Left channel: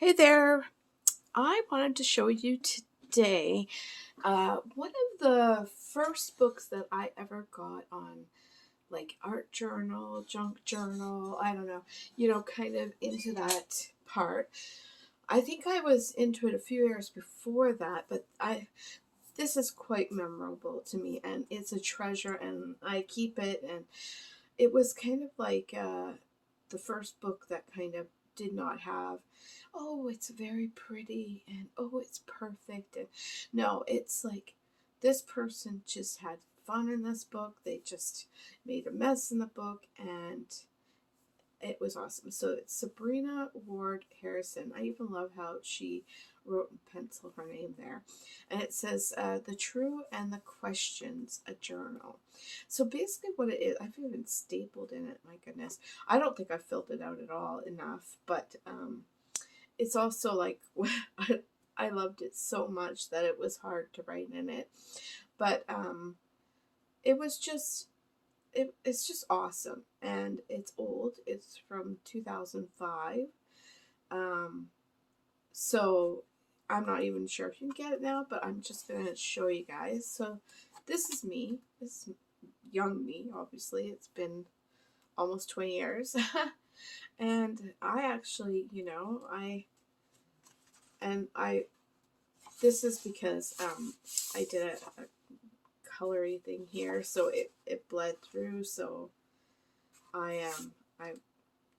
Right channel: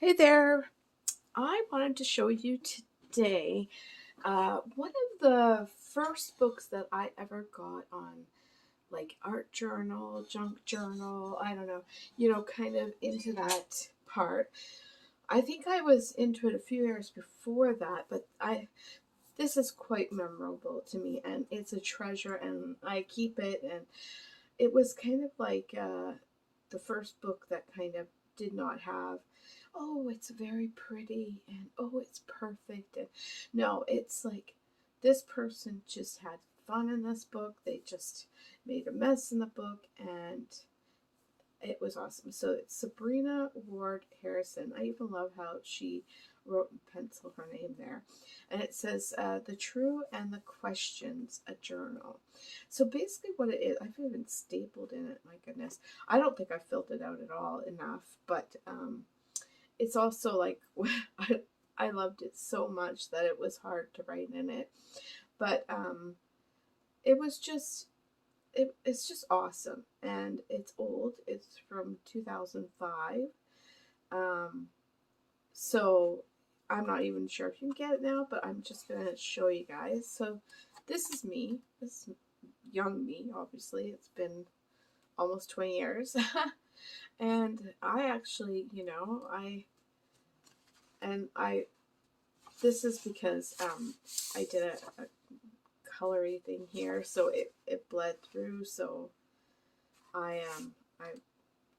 Hey there. I wanted to show you today one of the first books that I ever got on like art journal, junk journal, I don't know, kind of into that part. I think I was into it a few years before that, but this is quite memorable to me and it's a treasure and I keep it, and it was kind of like the first book that kind of did not have, oh, it's very pretty and oh, it's perfect. And no, it's like this person just had fun in this book. They just made a mess in the book and it was awesome. So it's Sabrina Ward Harrison. I even love how she wrote in pencil her name there. And it says, The True and the Questions, a Journal. So basically, what it is, I've even stapled in it, my goodness. I don't think I filled it out at all enough, but it's also like, I loved it so much that it was hard to write in it. But it was just it's just awesome, and it's old. It's from 2005. um so I'm not even sure if you can get it now, but I'm just gonna show you guys. So this is me. This is young me. Obviously it's been almost 20 years. And I actually, I this is because I did a coloring thing here, so it bled through. So I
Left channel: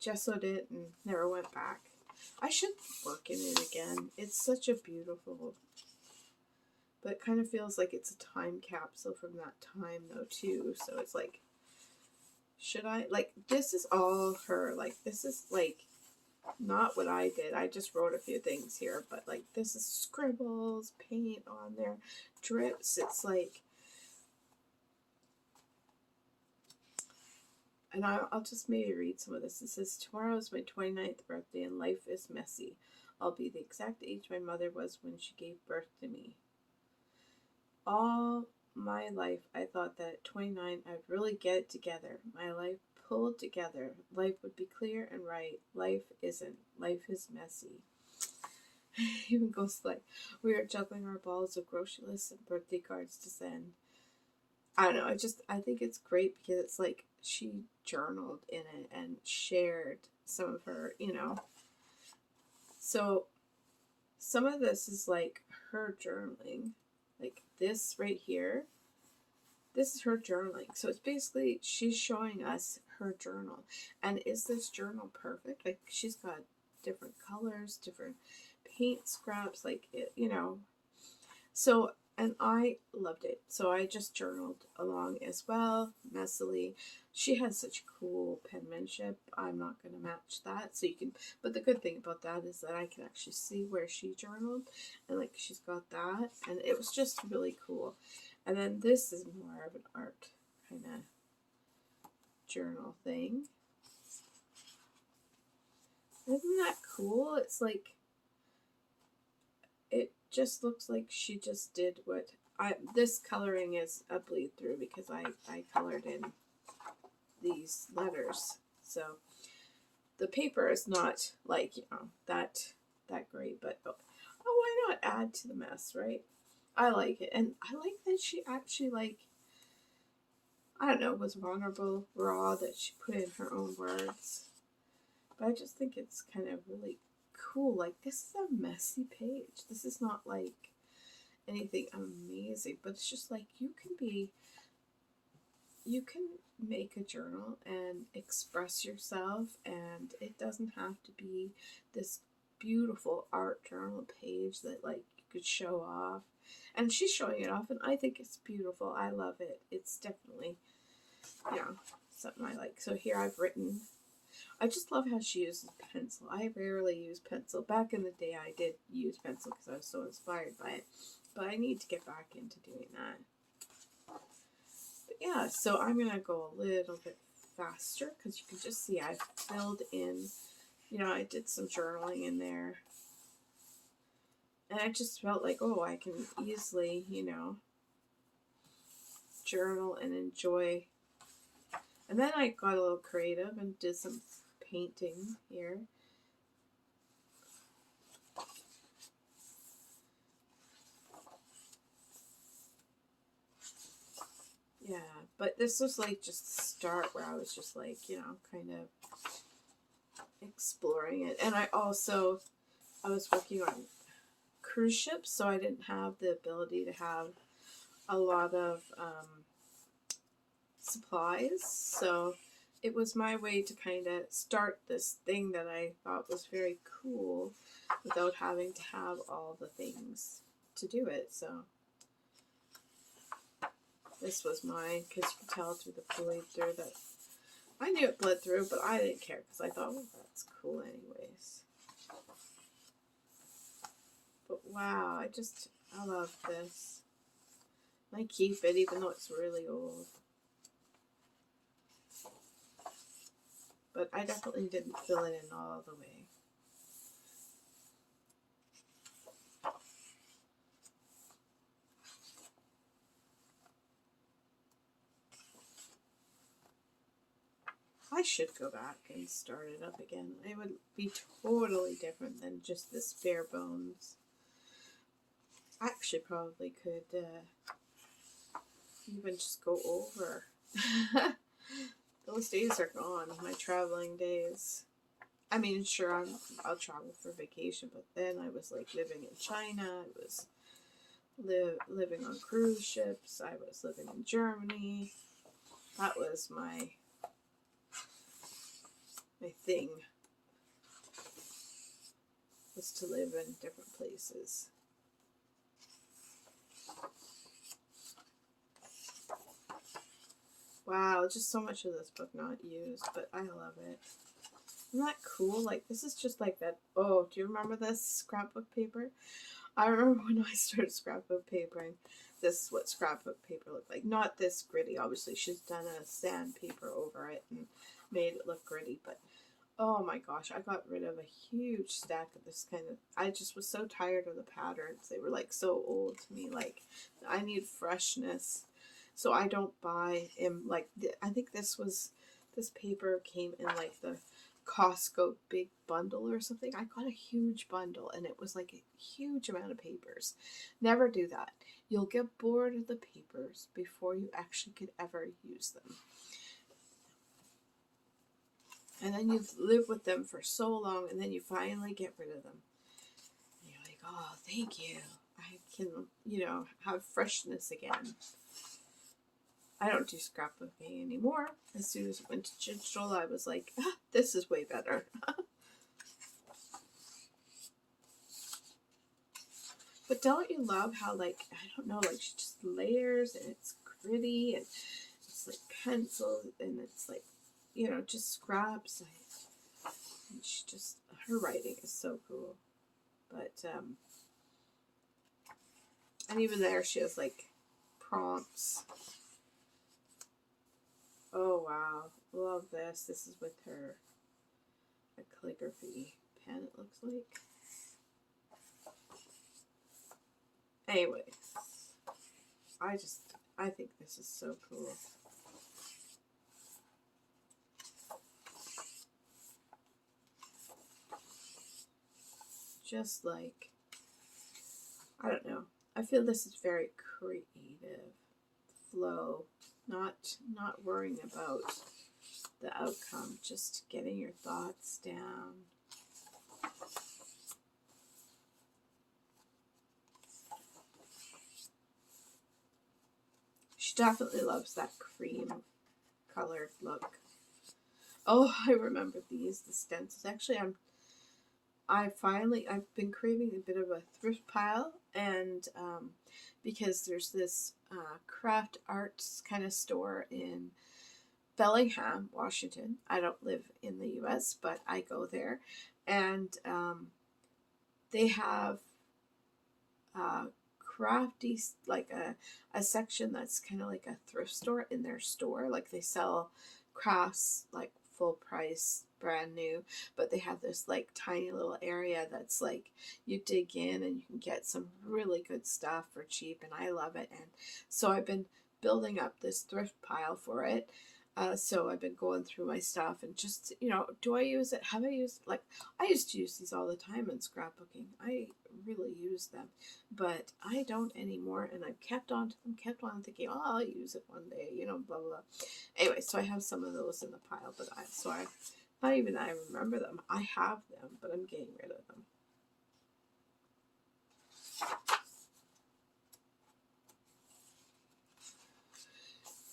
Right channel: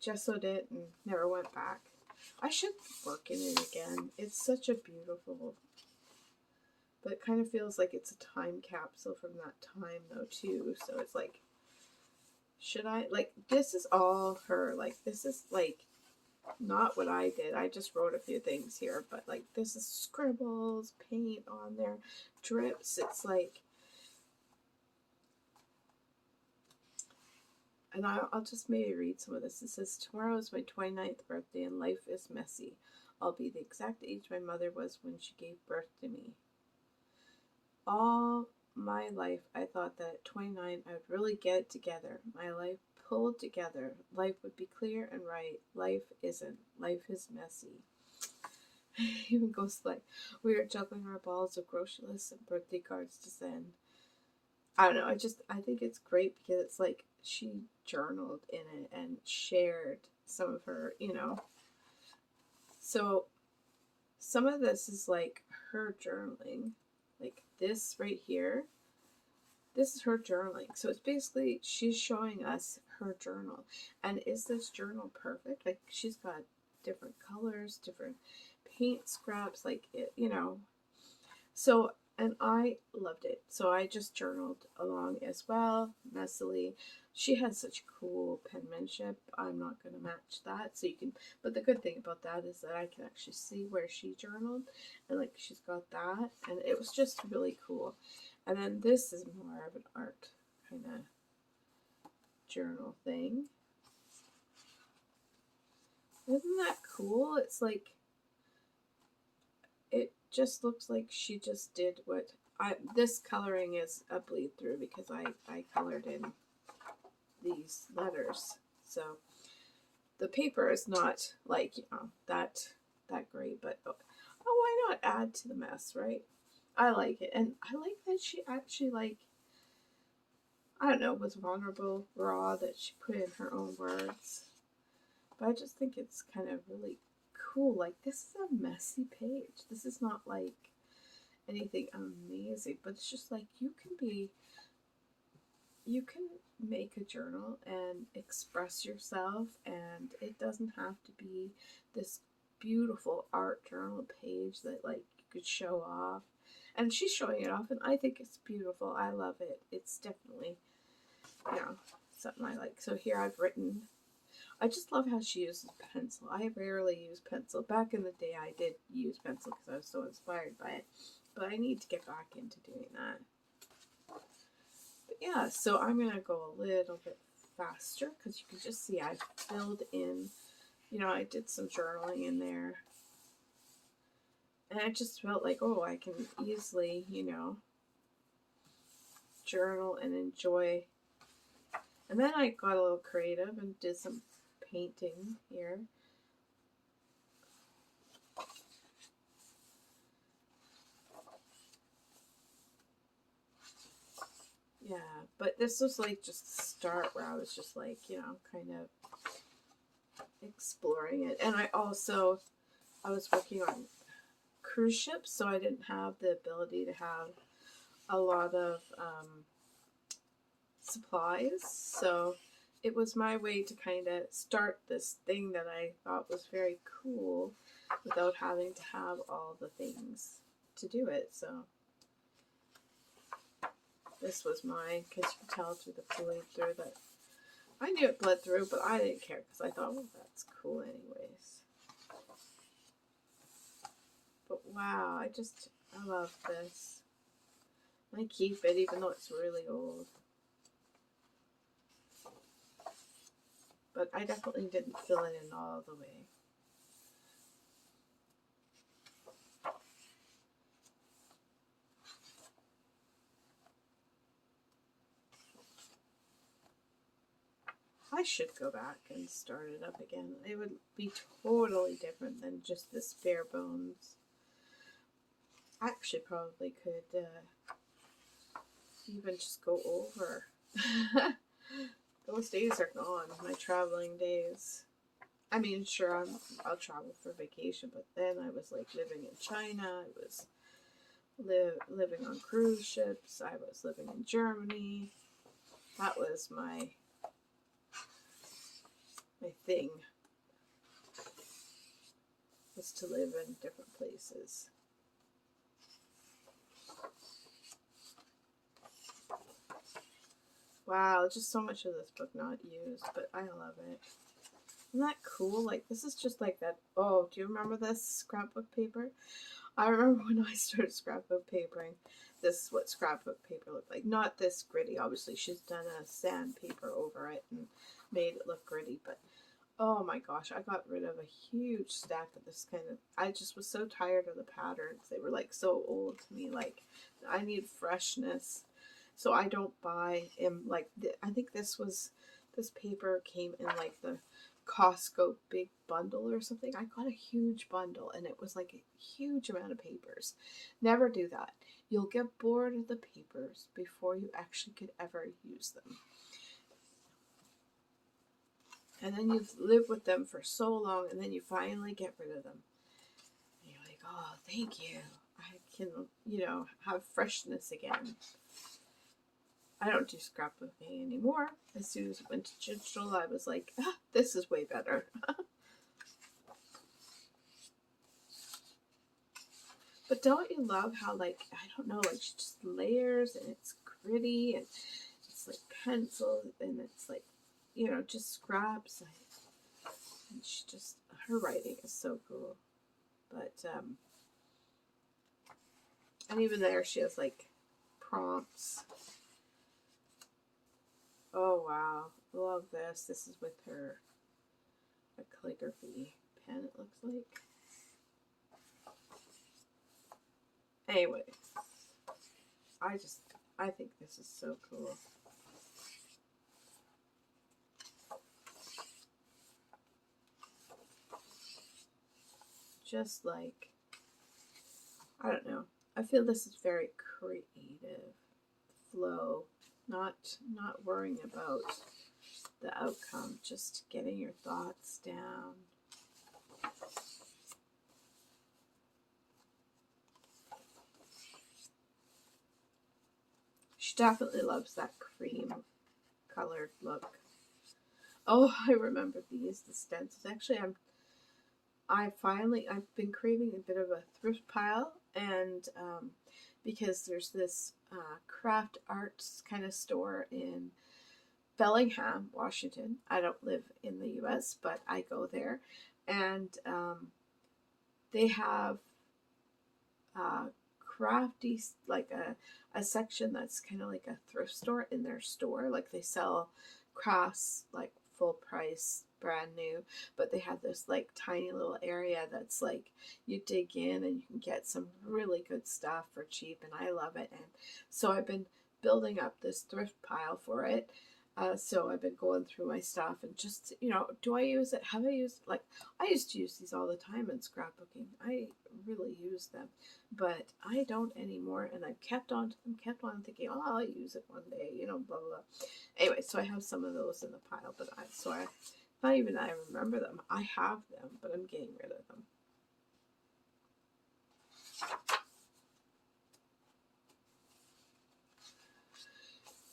gessoed it and never went back. I should work in it again. It's such a beautiful, but it kind of feels like it's a time capsule from that time though too. So it's like, should I, like, this is all her, like this is like not what I did. I just wrote a few things here, but like this is scribbles, paint on there, drips. It's like, and I'll just maybe read some of this. It says, Tomorrow is my 29th birthday and life is messy. I'll be the exact age my mother was when she gave birth to me. All my life, I thought that at 29, I would really get it together. My life pulled together. Life would be clear and right. Life isn't. Life is messy. Even goes like, we are juggling our balls of grocery lists and birthday cards to send. I don't know. I think it's great because it's like she journaled in it and shared some of her, So some of this is like her journaling. Like this right here, this is her journaling. So it's basically she's showing us her journal. And is this journal perfect? Like she's got different colors, different paint scraps, like So, and I loved it. So I just journaled along as well, messily. She has such cool penmanship. I'm not going to match that. So you can, but the good thing about that is that I can actually see where she journaled, and like she's got that. And it was just really cool. And then this is more of an art kind of journal thing. Isn't that cool? It's like, it just looks like she just did what this coloring is a bleed through because I colored in these letters. So the paper is not like, that great, but why not add to the mess, right? I like it. And I like that she actually, like, I don't know, was vulnerable, raw, that she put in her own words. But I just think it's kind of really cool. Like, this is a messy page. This is not like anything amazing, but it's just like you can make a journal and express yourself, and it doesn't have to be this beautiful art journal page that like you could show off. And she's showing it off, and I think it's beautiful. I love it. It's definitely, something I like. So here I've written, I just love how she uses pencil. I rarely use pencil. Back in the day I did use pencil because I was so inspired by it, but I need to get back into doing that. But yeah, so I'm going to go a little bit faster because you can just see I filled in, I did some journaling in there. And I just felt like, oh, I can easily, journal and enjoy. And then I got a little creative and did some painting here. But this was like just the start where I was just like, you know, kind of exploring it. And I was working on cruise ships, so I didn't have the ability to have a lot of supplies. So it was my way to kind of start this thing that I thought was very cool without having to have all the things to do it. So this was mine, because you can tell through the bleed through that I knew it bled through, but I didn't care because I thought, well, that's cool anyways. But wow, I love this. I keep it even though it's really old. But I definitely didn't fill it in all the way. I should go back and start it up again. It would be totally different than just this bare bones. I actually probably could even just go over. Those days are gone, my traveling days. I mean, sure, I'll travel for vacation, but then I was like living in China. I was living on cruise ships. I was living in Germany. That was my thing, was to live in different places. Wow, just so much of this book not used, but I love it. Isn't that cool? Like, this is just like that. Oh, do you remember this scrapbook paper? I remember when I started scrapbook papering, this is what scrapbook paper looked like. Not this gritty. Obviously, she's done a sandpaper over it and made it look gritty, but oh my gosh, I got rid of a huge stack of this kind of, I just was so tired of the patterns. They were like so old to me. Like, I need freshness. So I don't buy in, like, I think this paper came in like the Costco big bundle or something. I got a huge bundle and it was like a huge amount of papers. Never do that. You'll get bored of the papers before you actually could ever use them. And then you live with them for so long, and then you finally get rid of them. And you're like, oh, thank you. I can, you know, have freshness again. I don't do scrapbooking anymore. As soon as it went to digital, I was like, ah, this is way better. But don't you love how, like, I don't know, like, she just layers, and it's gritty, and it's like pencil, and it's like, you know, just scraps. And she just, her writing is so cool. But, and even there, she has like prompts. Oh, wow. Love this. This is with her a calligraphy pen, it looks like. Anyway, I think this is so cool. Just like, I don't know. I feel this is very creative flow, not worrying about the outcome, just getting your thoughts down. She definitely loves that cream colored look. Oh, I remember these, the stencils. Actually, I've been craving a bit of a thrift pile, and because there's this craft arts kind of store in Bellingham, Washington. I don't live in the U.S., but I go there, and they have crafty, like a section that's kind of like a thrift store in their store. Like, they sell crafts like full price, brand new, but they have this like tiny little area that's like, you dig in and you can get some really good stuff for cheap, and I love it. And so I've been building up this thrift pile for it. So I've been going through my stuff and just, do I use it? Have I used, like, I used to use these all the time in scrapbooking. I really use them, but I don't anymore. And I've kept on to them, kept on thinking, oh, I'll use it one day, blah, blah, blah. Anyway, so I have some of those in the pile, but not even I remember them. I have them, but I'm getting rid of them.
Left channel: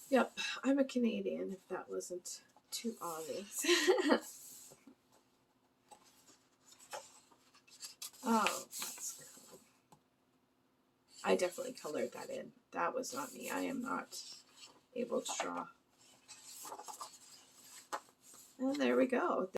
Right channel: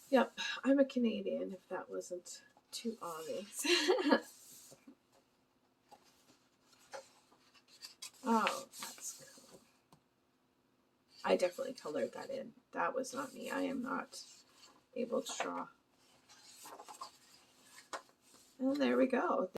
Yep, I'm a Canadian, if that wasn't too obvious. Oh, that's cool. I definitely colored that in. That was not me. I am not able to draw. And there we go.